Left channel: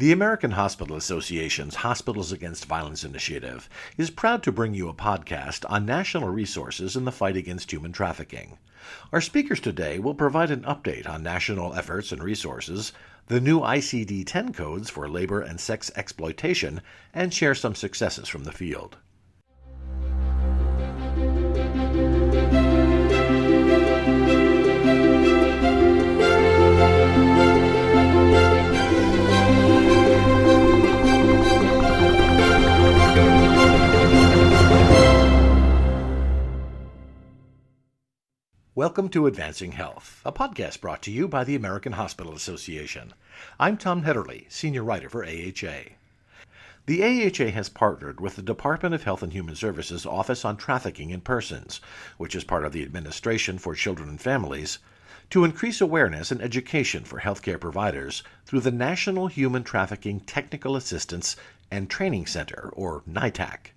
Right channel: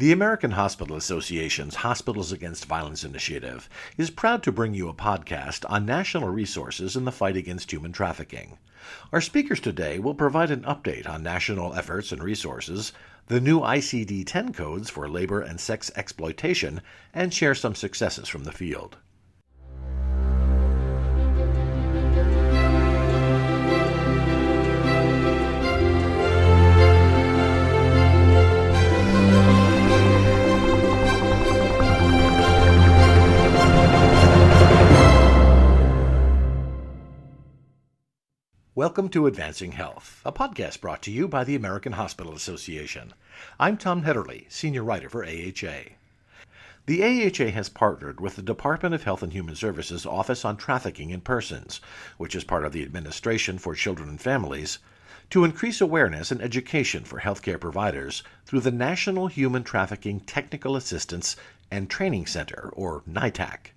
The American Hospital Association's Hospitals Against Violence initiative is proud to bring you a podcast on national resources in the fight against human trafficking. Our speakers today will provide an update on national efforts and resources, the new ICD-10 codes for labor and sex exploitation, and share some successes from the field. Welcome to Advancing Health, a podcast brought to you by the American Hospital Association. I'm Tom Hedderly, Senior Writer for AHA. The AHA has partnered with the Department of Health and Human Services Office on Trafficking in Persons, which is part of the Administration for Children and Families, to increase awareness and education for healthcare providers through the National Human Trafficking Technical Assistance and Training Center, or NITAC.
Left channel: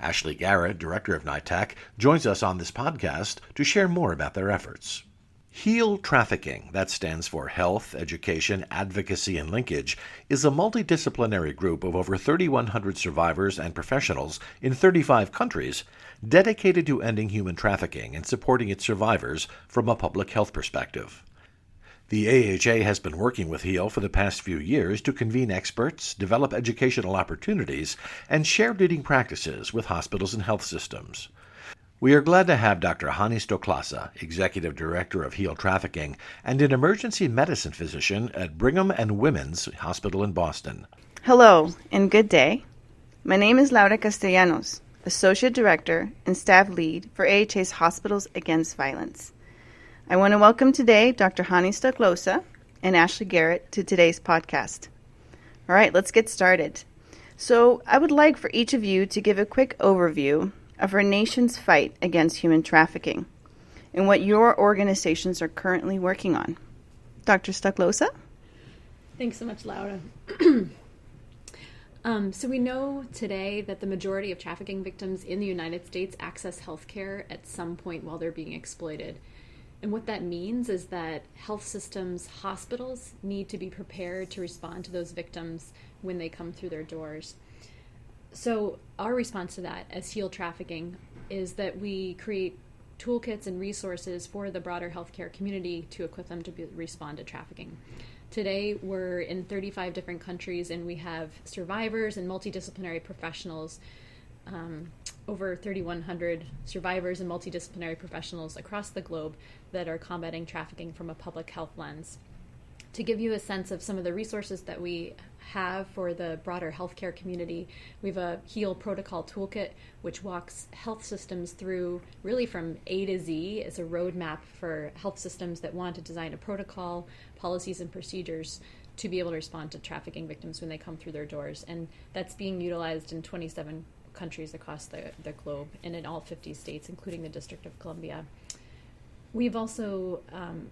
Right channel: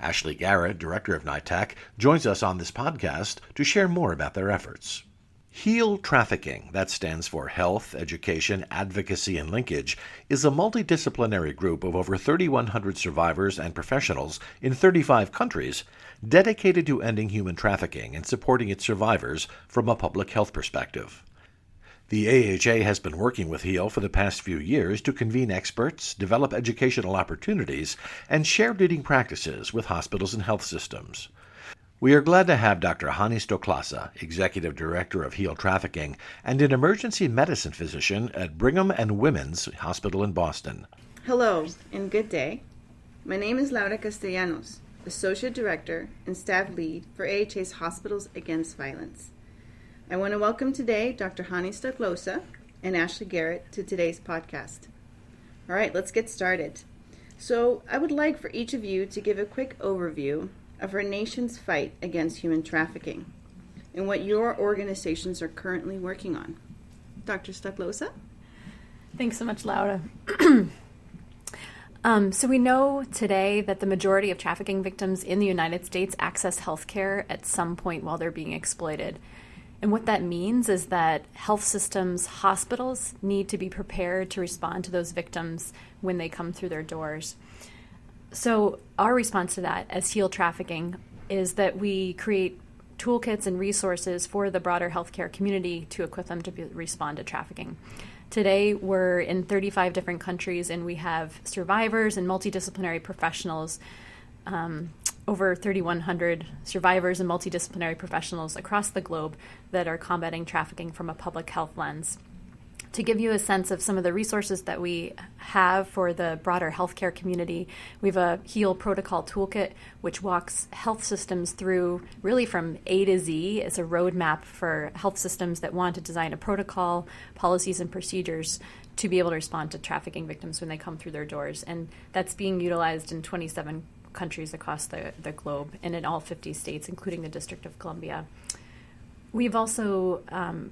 Ashley Garrett, Director of NITAC, joins us on this podcast to share more about their efforts. HEAL Trafficking, that stands for Health, Education, Advocacy, and Linkage, is a multidisciplinary group of over 3,100 survivors and professionals in 35 countries dedicated to ending human trafficking and supporting its survivors from a public health perspective. The AHA has been working with HEAL for the past few years to convene experts, develop educational opportunities, and share leading practices with hospitals and health systems. We are glad to have Dr. Hanni Stoklosa, Executive Director of HEAL Trafficking and an emergency medicine physician at Brigham and Women's Hospital in Boston. Hello, and good day. My name is Laura Castellanos, Associate Director and Staff Lead for AHA's Hospitals Against Violence. I want to welcome today Dr. Hanni Stoklosa and Ashley Garrett to today's podcast. All right, let's get started. So I would like for each of you to give a quick overview of our nation's fight against human trafficking and what your organizations are currently working on. Dr. Stoklosa? Thanks so much, Laura. So we know today that the majority of trafficking victims in the United States access health care at some point while they're being exploited. And what that means is that health systems, hospitals need to be prepared to respond to those victims when they come through their doors. So our response to that as HEAL Trafficking is that we create toolkits and resources for the broader healthcare community to equip them to respond to trafficking. Today, we're in 35 different countries, and we have survivors and multidisciplinary professionals, over 3,100 survivors and multidisciplinary professionals across the globe that are combating trafficking from a public health lens. To give you a sense of some of the resources that we have for the broader healthcare community, we have a HEAL protocol toolkit, which walks health systems through really from A to Z. It's a roadmap for health systems that want to design a protocol, policies, and procedures to be able to respond to trafficking victims when they come through their doors. And that's being utilized in 27 countries across the globe and in all 50 states, including the District of Columbia. We've also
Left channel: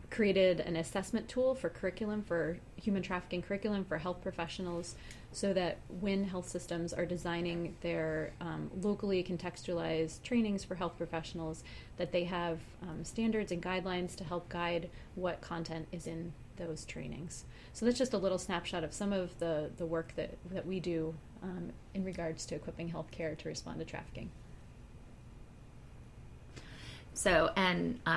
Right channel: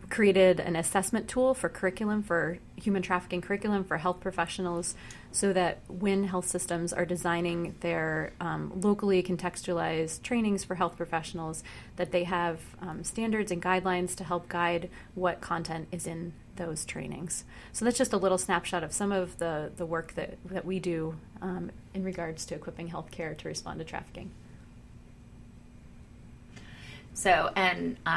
created an assessment tool for curriculum, for human trafficking curriculum for health professionals, so that when health systems are designing their locally contextualized trainings for health professionals, that they have standards and guidelines to help guide what content is in those trainings. So that's just a little snapshot of some of the work that we do in regards to equipping healthcare to respond to trafficking. So,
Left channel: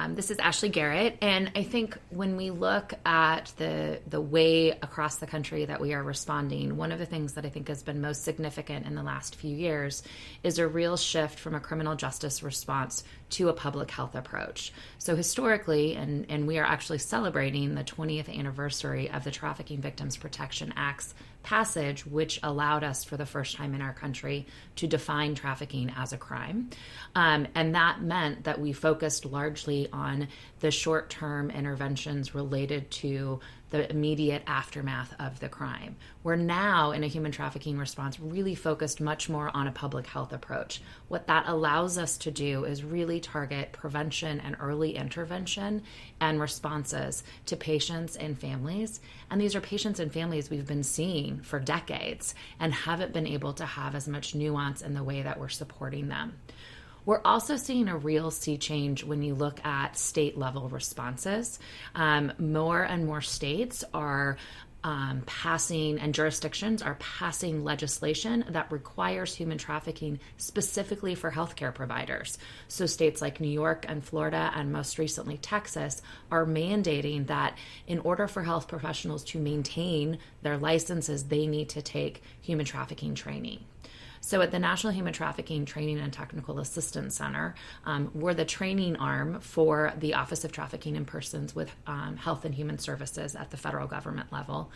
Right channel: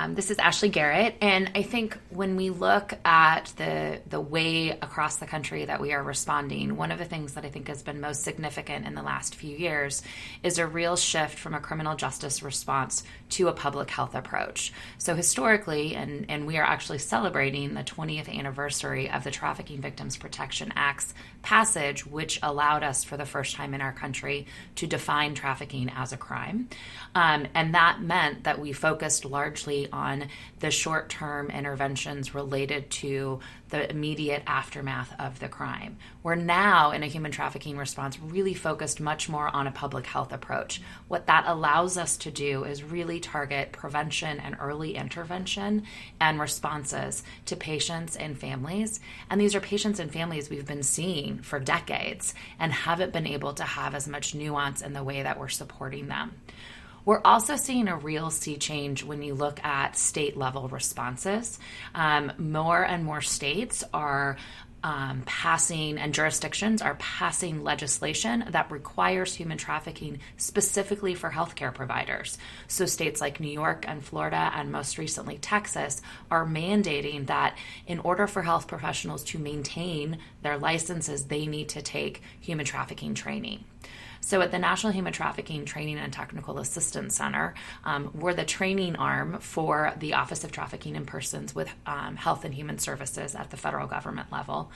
this is Ashley Garrett, and I think when we look at the way across the country that we are responding, one of the things that I think has been most significant in the last few years is a real shift from a criminal justice response to a public health approach. So historically, and we are actually celebrating the 20th anniversary of the Trafficking Victims Protection Act's passage, which allowed us for the first time in our country to define trafficking as a crime. And that meant that we focused largely on the short-term interventions related to the immediate aftermath of the crime. We're now, in a human trafficking response, really focused much more on a public health approach. What that allows us to do is really target prevention and early intervention and responses to patients and families. And these are patients and families we've been seeing for decades and haven't been able to have as much nuance in the way that we're supporting them. We're also seeing a real sea change when you look at state level responses. More and more states are passing, and jurisdictions are passing legislation that requires human trafficking specifically for healthcare providers. So states like New York and Florida, and most recently Texas, are mandating that in order for health professionals to maintain their licenses, they need to take human trafficking training. So at the National Human Trafficking Training and Technical Assistance Center, we're the training arm for the Office of Trafficking in Persons with Health and Human Services at the federal government level.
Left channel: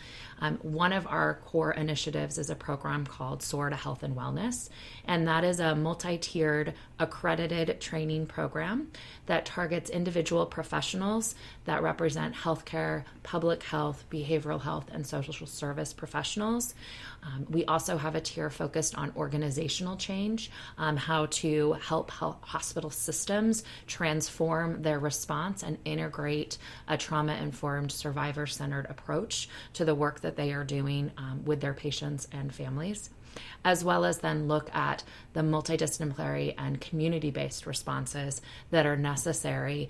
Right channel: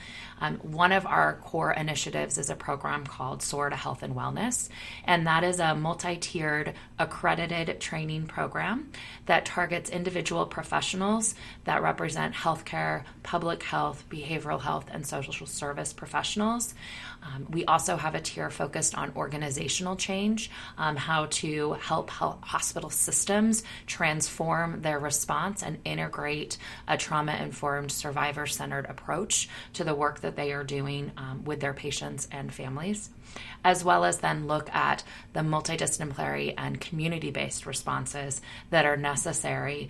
One of our core initiatives is a program called SOAR to Health and Wellness, and that is a multi-tiered accredited training program that targets individual professionals that represent healthcare, public health, behavioral health, and social service professionals. We also have a tier focused on organizational change, how to help hospital systems transform their response and integrate a trauma-informed, survivor-centered approach to the work that they are doing with their patients and families, as well as then look at the multidisciplinary and community-based responses that are necessary,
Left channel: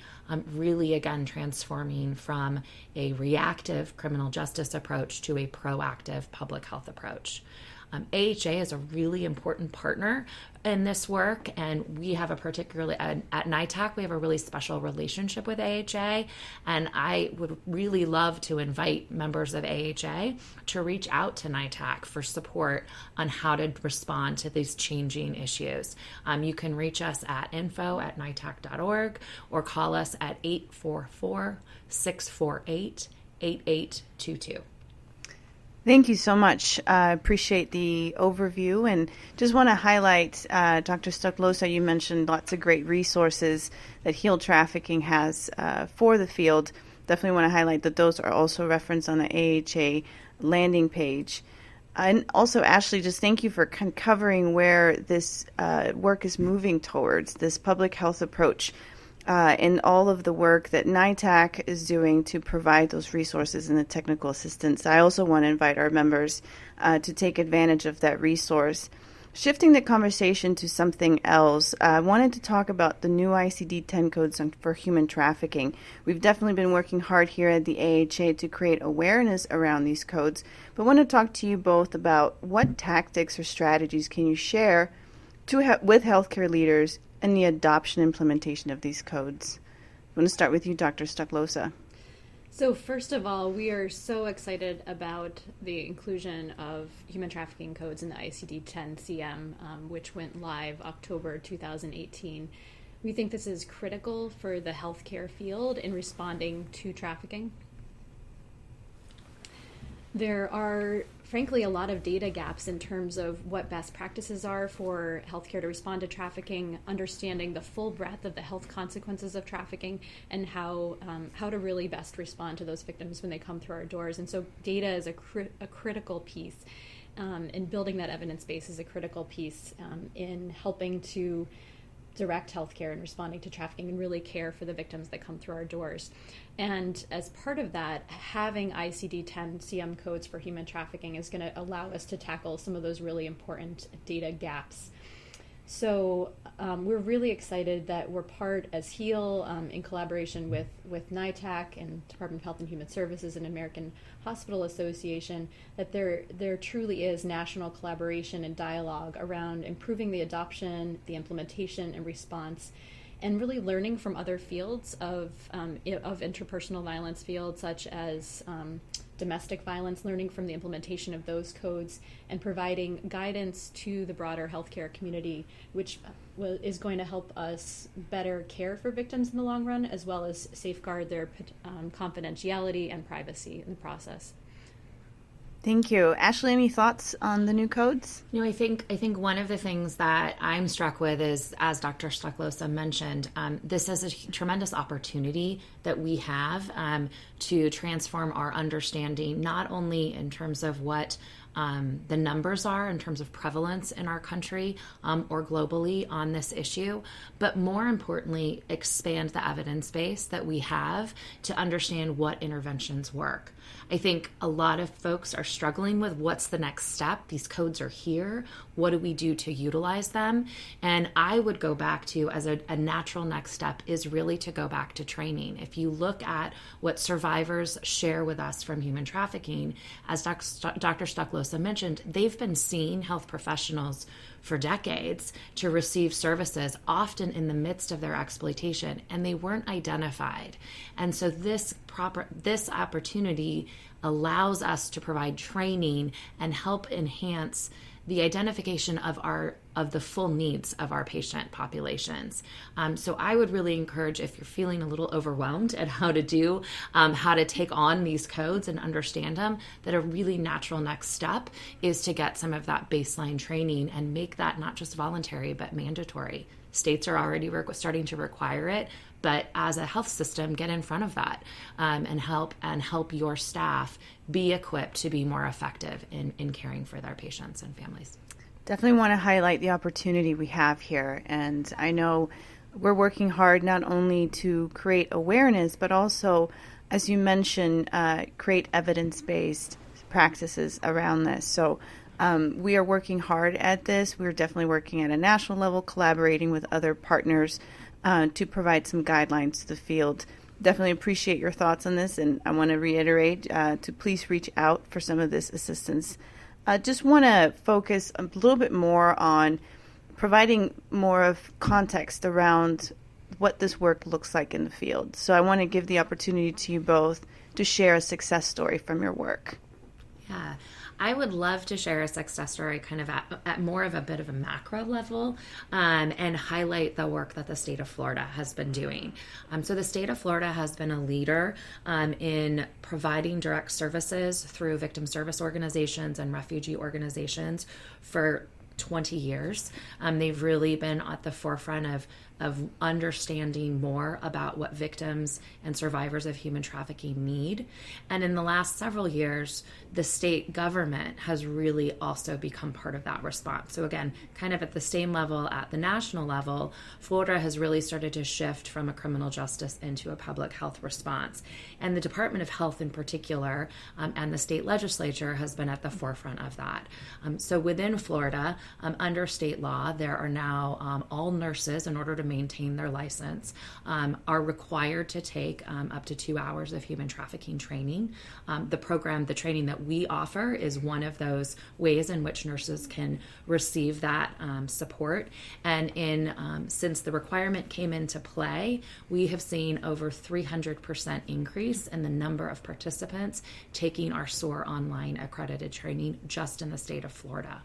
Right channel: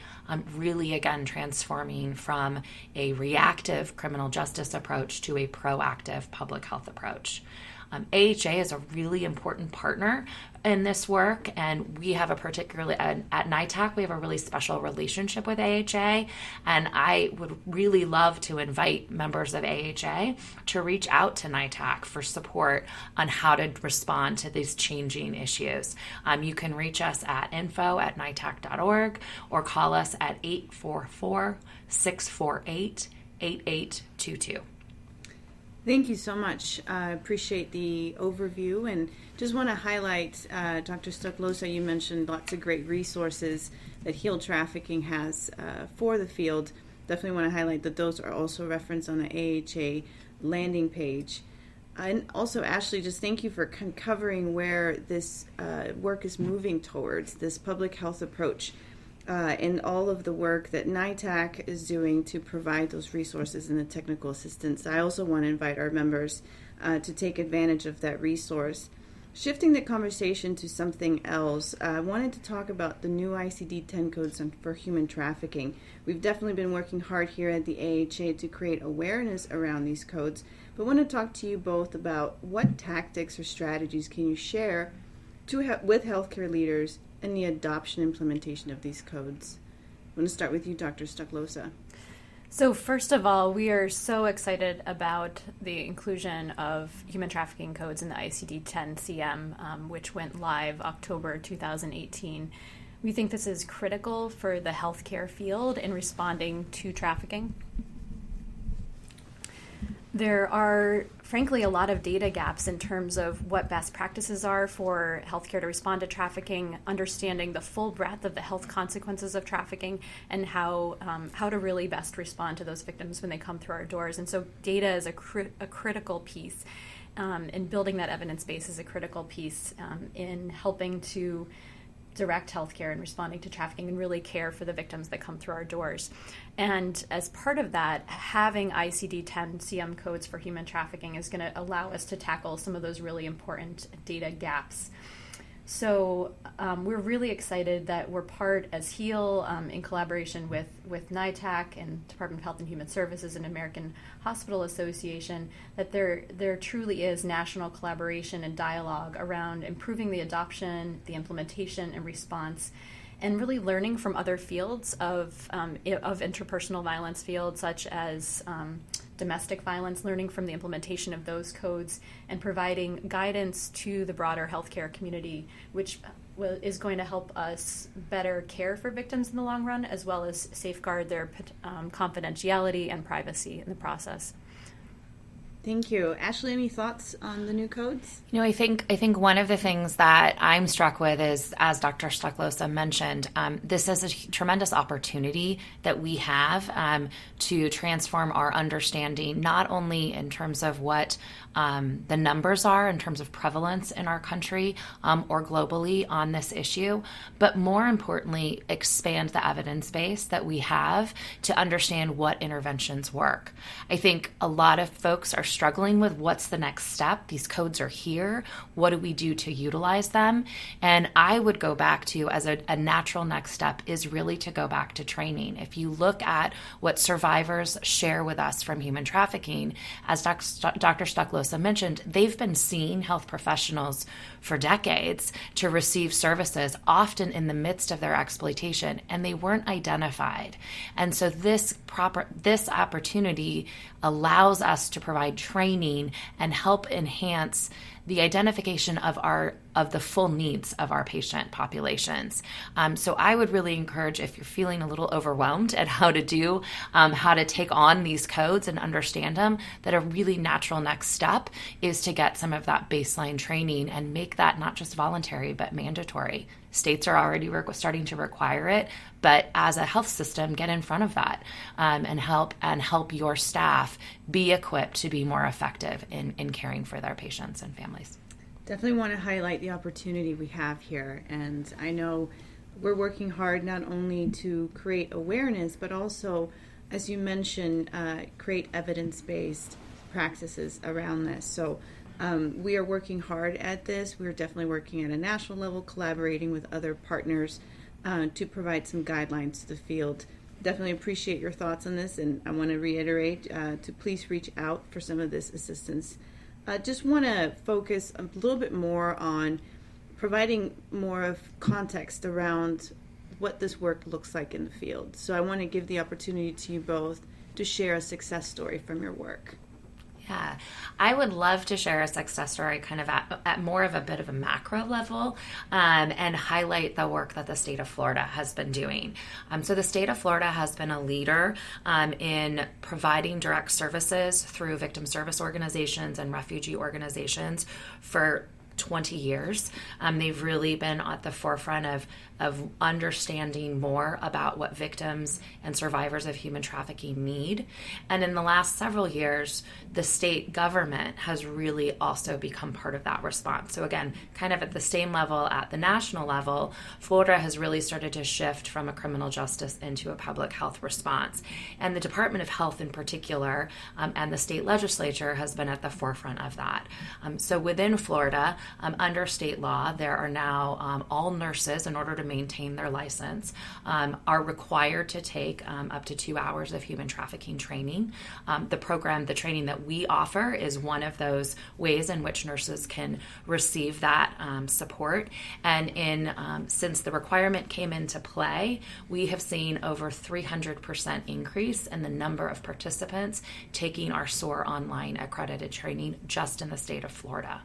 really, again, transforming from a reactive criminal justice approach to a proactive public health approach. AHA is a really important partner in this work, and we have a particularly, at NITAC, we have a really special relationship with AHA, and I would really love to invite members of AHA to reach out to NITAC for support on how to respond to these changing issues. You can reach us at info@nitac.org or call us at 844-648-8822. Thank you so much. I appreciate the overview, and just want to highlight, Dr. Stoklosa, you mentioned lots of great resources that HEAL Trafficking has for the field. Definitely want to highlight that those are also referenced on the AHA landing page. And also, Ashley, just thank you for covering where this work is moving towards, this public health approach. And all of the work that NITAC is doing to provide those resources and the technical assistance. I also want to invite our members to take advantage of that resource. Shifting the conversation to something else, I wanted to talk about the new ICD-10 codes for human trafficking. We've definitely been working hard here at the AHA to create awareness around these codes, but I want to talk to you both about what tactics or strategies can you share with healthcare leaders and the adoption and implementation of these codes. I'm going to start with you, Dr. Stoklosa. So first of all, we are so excited about the inclusion of human trafficking codes in the ICD-10-CM, which went live October 2018. We think this is critical for the healthcare field in responding to trafficking. There are, frankly, a lot of data gaps in terms of what best practices are for healthcare to respond to trafficking, understanding the full breadth of the health consequences of trafficking, and how to really best respond to those victims when they come through our doors. And so data is a critical piece, and building that evidence base is a critical piece in helping to direct healthcare and responding to trafficking and really care for the victims that come through our doors. And as part of that, having ICD-10-CM codes for human trafficking is going to allow us to tackle some of those really important data gaps. So we're really excited that we're part as HEAL in collaboration with NITAC and Department of Health and Human Services and American Hospital Association, that there truly is national collaboration and dialogue around improving the adoption, the implementation, and response, and really learning from other fields of interpersonal violence fields, such as domestic violence, learning from the implementation of those codes, and providing guidance to the broader healthcare community, which is going to help us better care for victims in the long run, as well as safeguard their confidentiality and privacy in the process. Thank you. Ashley, any thoughts on the new codes? I think one of the things that I'm struck with is, as Dr. Stoklosa mentioned, this is a tremendous opportunity that we have to transform our understanding, not only in terms of what the numbers are in terms of prevalence in our country or globally on this issue, but more importantly, expand the evidence base that we have to understand what interventions work. I think a lot of folks are struggling with what's the next step. These codes are here. What do we do to utilize them? And I would go back to, as a natural next step, is really to go back to training. If you look at what survivors share with us from human trafficking, as Dr. Stoklosa mentioned, they've been seeing health professionals for decades to receive services, often in the midst of their exploitation, and they weren't identified. And so this opportunity allows us to provide training and help enhance the identification of the full needs of our patient populations. So I would really encourage, if you're feeling a little overwhelmed at how to take on these codes and understand them, that a really natural next step is to get some of that baseline training and make that not just voluntary but mandatory. States are already starting to require it, but as a health system, get in front of that and help your staff be equipped to be more effective in caring for their patients and families. Definitely want to highlight the opportunity we have here. And I know we're working hard not only to create awareness, but also, as you mentioned, create evidence-based practices around this. So we are working hard at this. We're definitely working at a national level, collaborating with other partners to provide some guidelines to the field. Definitely appreciate your thoughts on this, and I want to reiterate to please reach out for some of this assistance. Just want to focus a little bit more on providing more of context around what this work looks like in the field. So I want to give the opportunity to you both to share a success story from your work. Yeah, I would love to share a success story kind of at more of a bit of a macro level and highlight the work that the state of Florida has been doing. So the state of Florida has been a leader in providing direct services through victim service organizations and refugee organizations for 20 years. They've really been at the forefront of understanding more about what victims and survivors of human trafficking need. And in the last several years, the state government has really also become part of that response. So again, kind of at the same level at the national level, Florida has really started to shift from a criminal justice into a public health response. And the Department of Health in particular and the state legislature has been at the forefront of that. So within Florida, under state law, there are now all nurses, in order to maintain their license, are required to take up to 2 hours of human trafficking training. The training that we offer is one of those ways in which nurses can receive that support. And since the requirement came into play, we have seen over 300% increase in the number of participants taking our SOAR online accredited training just in the state of Florida.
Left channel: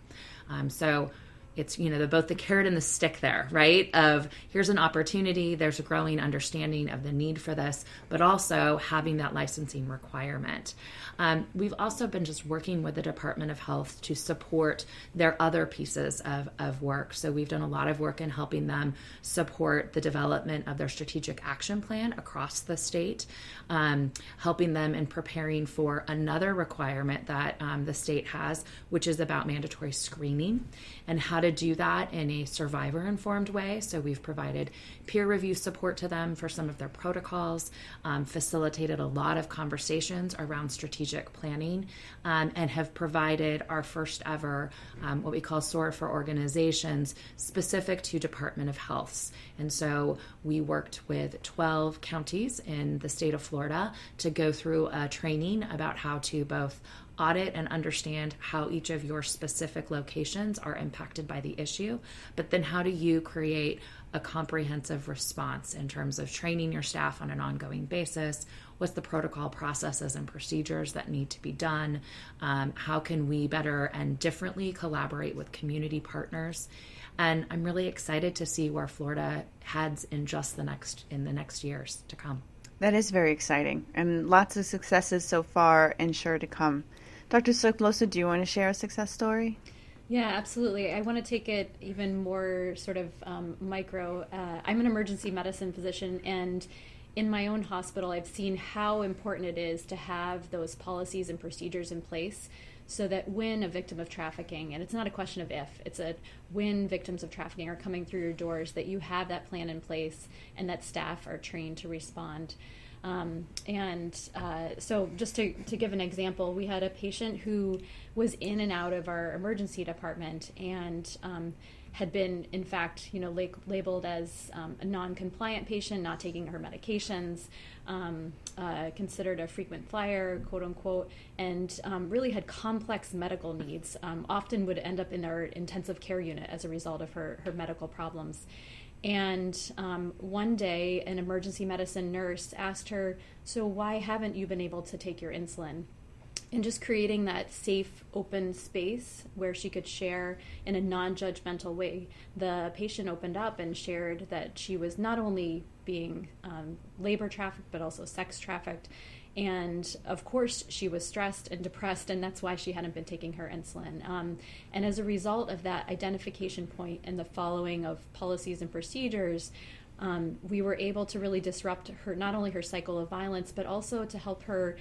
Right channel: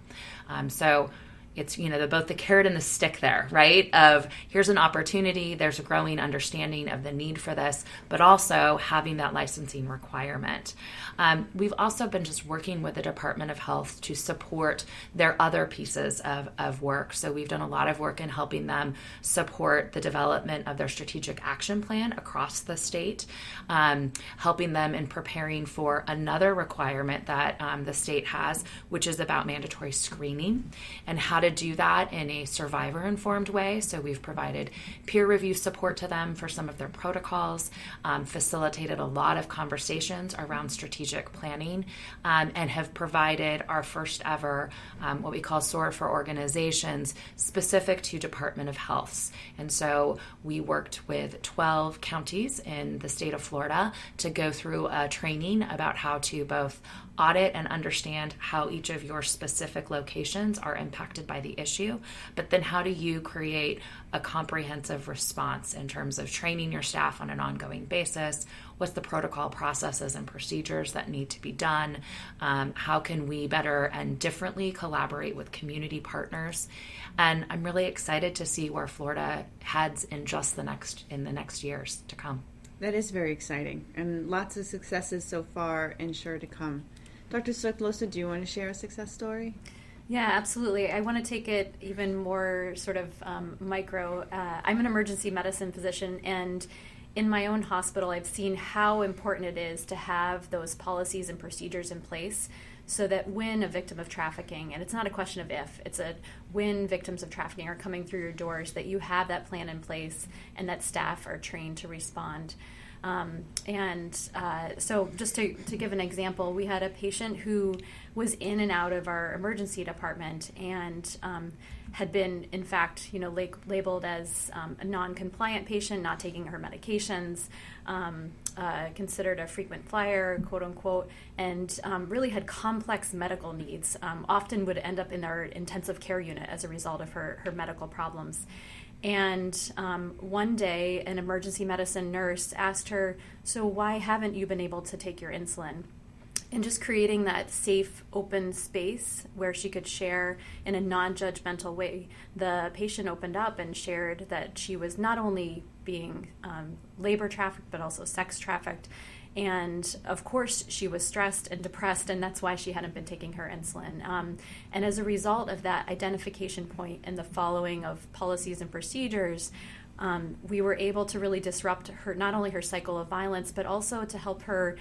So it's, both the carrot and the stick there, right? Of here's an opportunity, there's a growing understanding of the need for this, but also having that licensing requirement. We've also been just working with the Department of Health to support their other pieces of work. So we've done a lot of work in helping them support the development of their strategic action plan across the state, helping them in preparing for another requirement that the state has, which is about mandatory screening and how to do that in a survivor-informed way. So we've provided peer review support to them for some of their protocols, facilitated a lot of conversations around strategic planning, and have provided our first ever what we call SOAR for organizations specific to Department of Health. And so we worked with 12 counties in the state of Florida to go through a training about how to both audit and understand how each of your specific locations are impacted by the issue, but then how do you create a comprehensive response in terms of training your staff on an ongoing basis? What's the protocol processes and procedures that need to be done? How can we better and differently collaborate with community partners? And I'm really excited to see where Florida heads in the next years to come. That is very exciting, and lots of successes so far and sure to come. Dr. Stoklosa, do you want to share a success story? Yeah, absolutely. I want to take it even more sort of micro. I'm an emergency medicine physician, and in my own hospital, I've seen how important it is to have those policies and procedures in place so that when a victim of trafficking, and it's not a question of if, it's a when victims of trafficking are coming through your doors, that you have that plan in place and that staff are trained to respond. So just to give an example, we had a patient who was in and out of our emergency department and had been, in fact, labeled as a non-compliant patient, not taking her medications, considered a frequent flyer, quote unquote, and really had complex medical needs, often would end up in our intensive care unit as a result of her medical problems. And one day, an emergency medicine nurse asked her, "So why haven't you been able to take your insulin?" And just creating that safe, open space where she could share in a non-judgmental way. The patient opened up and shared that she was not only being labor trafficked, but also sex trafficked. And of course, she was stressed and depressed, and that's why she hadn't been taking her insulin. And as a result of that identification point and the following of policies and procedures, we were able to really disrupt her, not only her cycle of violence, but also to help her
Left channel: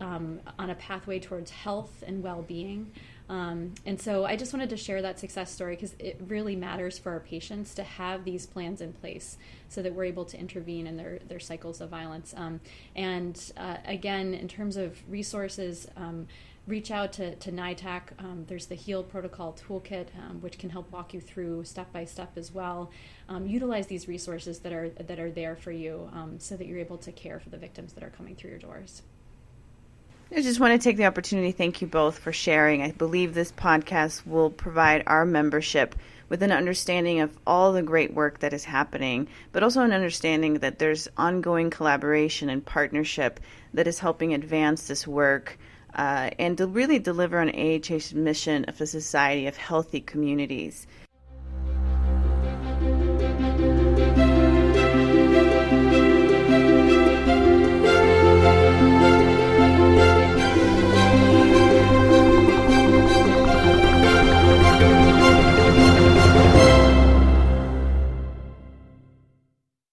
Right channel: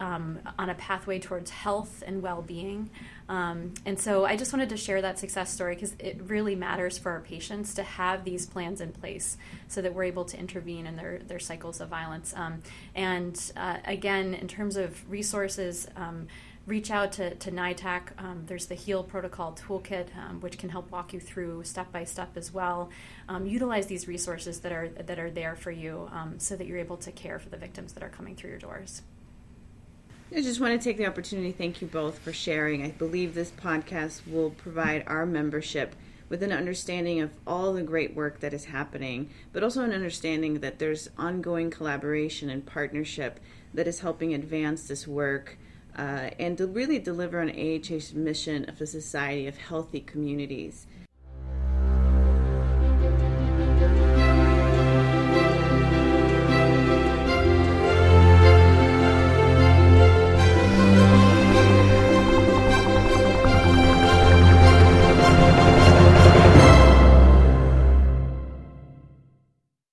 on a pathway towards health and well-being. And so I just wanted to share that success story because it really matters for our patients to have these plans in place so that we're able to intervene in their cycles of violence. Again, in terms of resources, reach out to NITAC. There's the HEAL Protocol Toolkit, which can help walk you through step-by-step as well. Utilize these resources that are there for you so that you're able to care for the victims that are coming through your doors. I just want to take the opportunity to thank you both for sharing. I believe this podcast will provide our membership with an understanding of all the great work that is happening, but also an understanding that there's ongoing collaboration and partnership that is helping advance this work and to really deliver on AHA's mission of a society of healthy communities.